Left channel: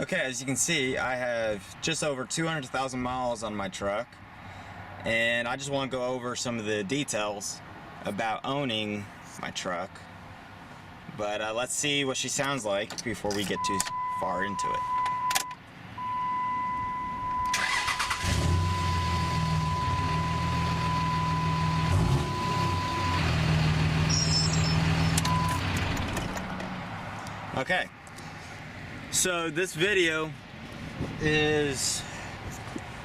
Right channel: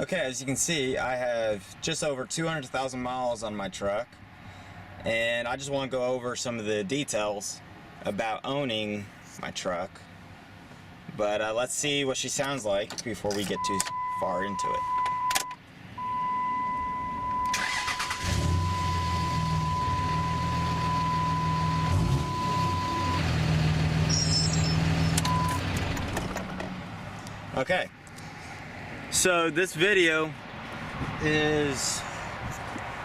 Okay, as you can see, I have just over 200,000 miles on my truck, and I just want to go over some of the details about owning my truck. But let's see what she sounds like before we get too far into it. Okay, so this video is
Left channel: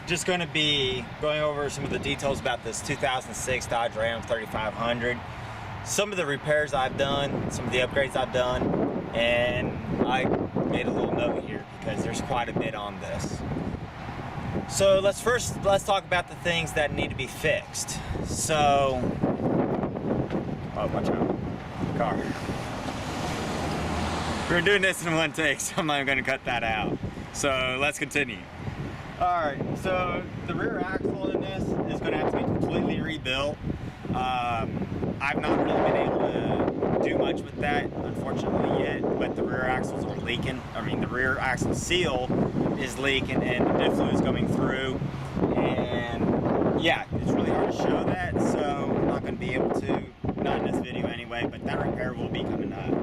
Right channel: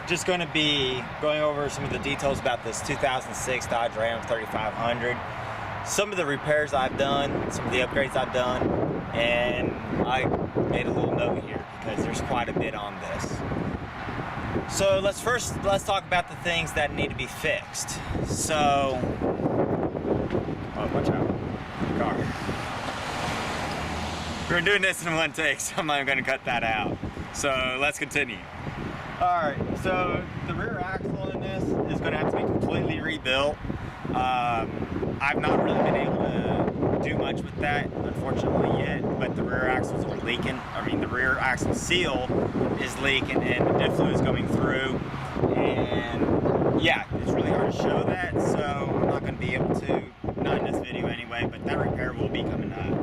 just going to be going over some of the details about this 2006 Dodge Ram 3500, some of the repairs I've done, some of the upgrades I've done, and I made a little note here because there's quite a bit on this. So let's talk about the things that need to be fixed. So, oh, watch out, car. We're doing this in one take, so I'm not going to cut that out. So let's continue. Alright, so the rear axle in this is going to have to be completely rebuilt. I've not really been able to do much with that, unfortunately, yet, but the rear axles are leaking. I mean, the rear axle seal is leaking and the diff fluid is going through. And yeah, it's really hard to show that, so I'm not going to be able to, not in this video anyway, but that repair will be coming up.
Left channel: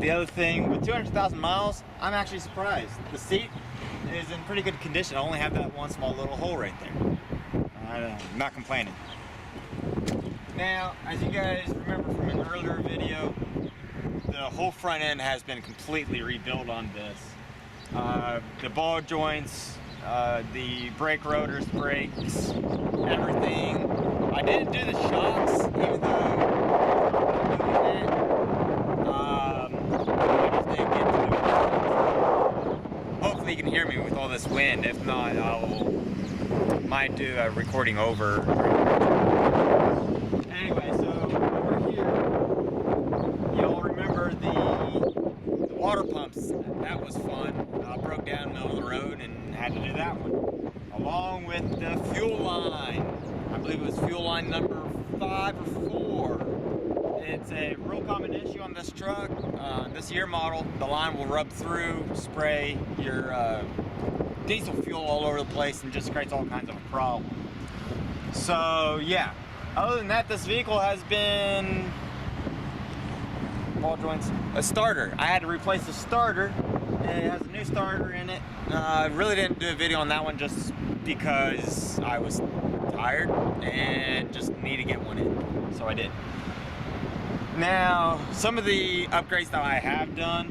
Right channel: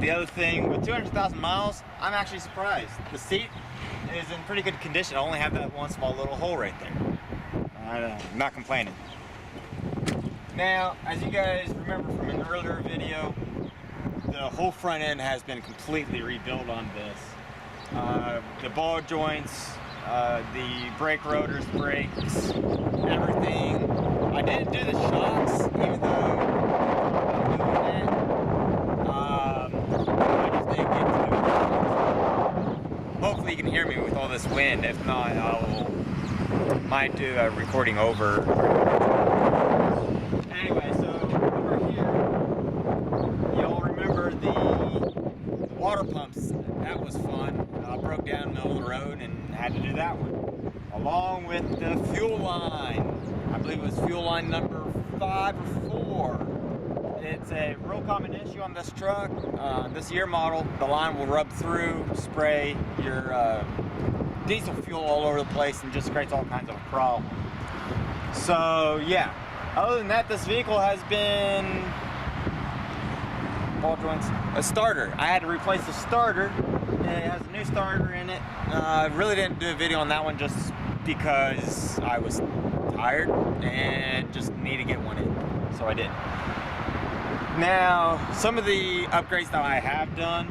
The other thing, with 200,000 miles, I'm actually surprised. The seat is in pretty good condition. I only have that one small little hole right there. I'm not complaining. Now, as you guys remember from an earlier video, the whole front end has been completely rebuilt on this. The ball joints, the brake rotors, brakes, everything. I didn't do the shocks, even though I'm doing that. I just didn't get to do it. Hopefully you can hear me with all this wind. If not, might do a recording over during the Anyway, so over here, y'all remember the water pumps. That was fun. Broke down in the middle of the road and had to do that one. Along with the fuel line. I believe it was fuel line number 5 or 4. It's a real common issue on this truck. This year model, the line will rub through, spray your diesel fuel all over the place, and just creates all kinds of a problem. So yeah, other than that, this vehicle has been ball joints, a starter. I had to replace the starter. It has a new starter in it. I really didn't do a video on that one just because I was tired and just need to get one in, so I did. Now, some of the upgrades that I have done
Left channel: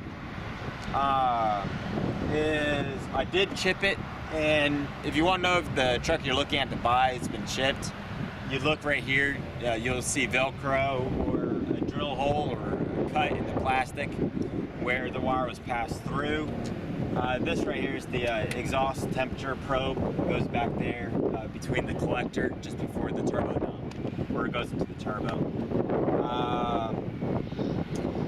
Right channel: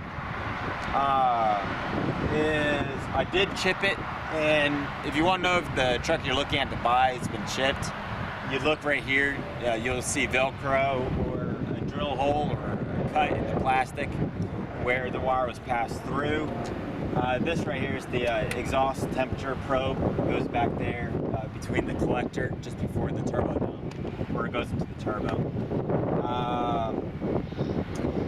is I did chip it, and if you want to know if the truck you're looking at to buy has been chipped, you look right here, you'll see Velcro or a drill hole or a cut in the plastic where the wire was passed through. This right here is the exhaust temperature probe. It goes back there between the collector just before the turbo dump, where it goes into the turbo.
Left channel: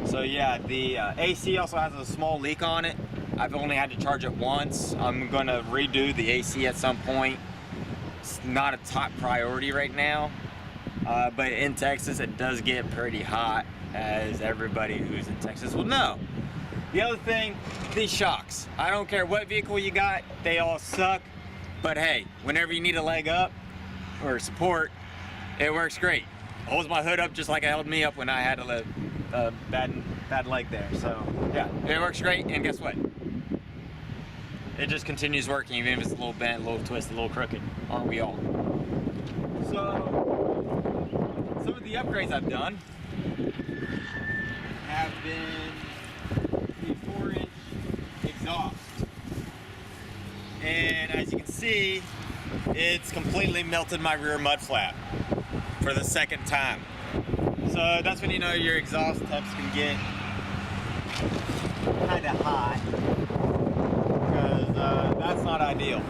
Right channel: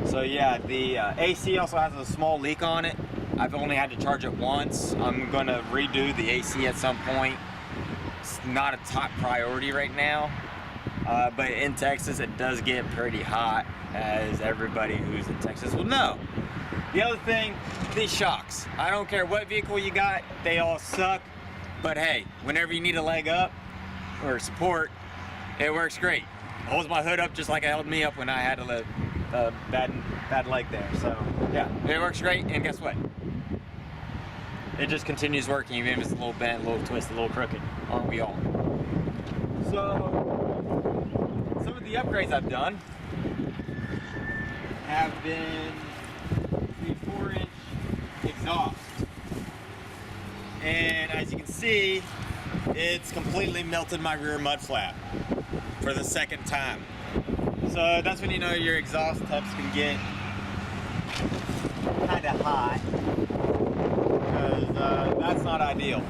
So yeah, the AC also has a small leak on it. I've only had to charge it once. I'm going to redo the AC at some point. It's not a top priority right now, but in Texas it does get pretty hot, as everybody who's in Texas will know. The other thing, these shocks. I don't care what vehicle you got, they all suck, but hey, whenever you need a leg up or support, it works great. It holds my hood up just like it held me up when I had a bad leg there. So yeah, it works great, and guess what? It just continues working even if it's a little bent, a little twisted, a little crooked. Aren't we all? So some of the upgrades I've done have been the 4-inch exhaust. And as you can see, it's completely melted my rear mud flap for the second time. So that's when you know your exhaust tubs can get kind of hot, because that's not ideal.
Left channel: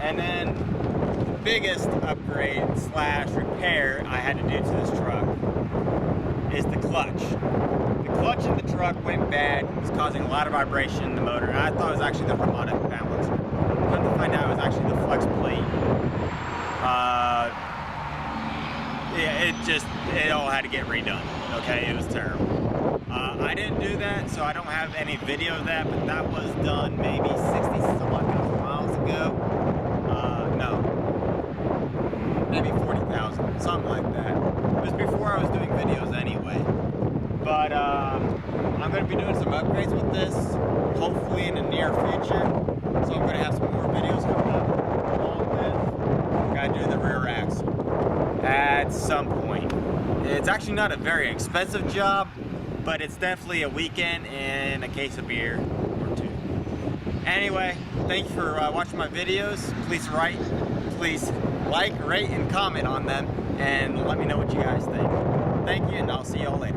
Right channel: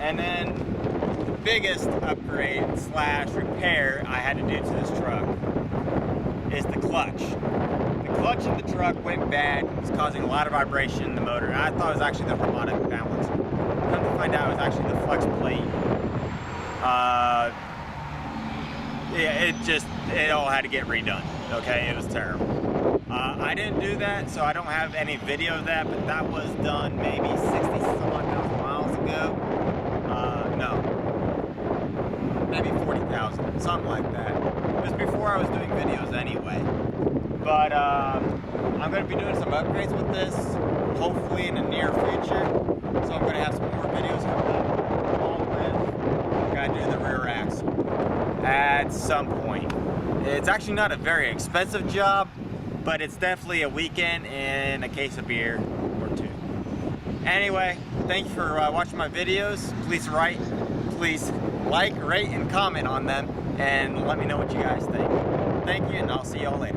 And then the biggest upgrade slash repair I had to do to this truck is the clutch. The clutch in the truck went bad. It was causing a lot of vibration in the motor, and I thought it was actually the harmonic balancer. Come to find out, it was actually the flex plate. Yeah, it all had to get redone. Okay, it was terrible. I didn't do that, so I don't have any video of that, but that was done maybe 60 some odd thousand miles ago. No, maybe 40,000, something like that. It was before I was doing videos anyway. But I'm going to be doing some upgrades with this, hopefully in the near future. So I'm going to have some more videos coming up, along with got to do the rear axle at some point. It's actually not a very expensive job, but it's definitely a weekend and a case of beer or two. Anyway, thank you for watching my videos. Please like, rate, and comment on them, and let me know what you guys think. Thank you, and I'll see y'all later.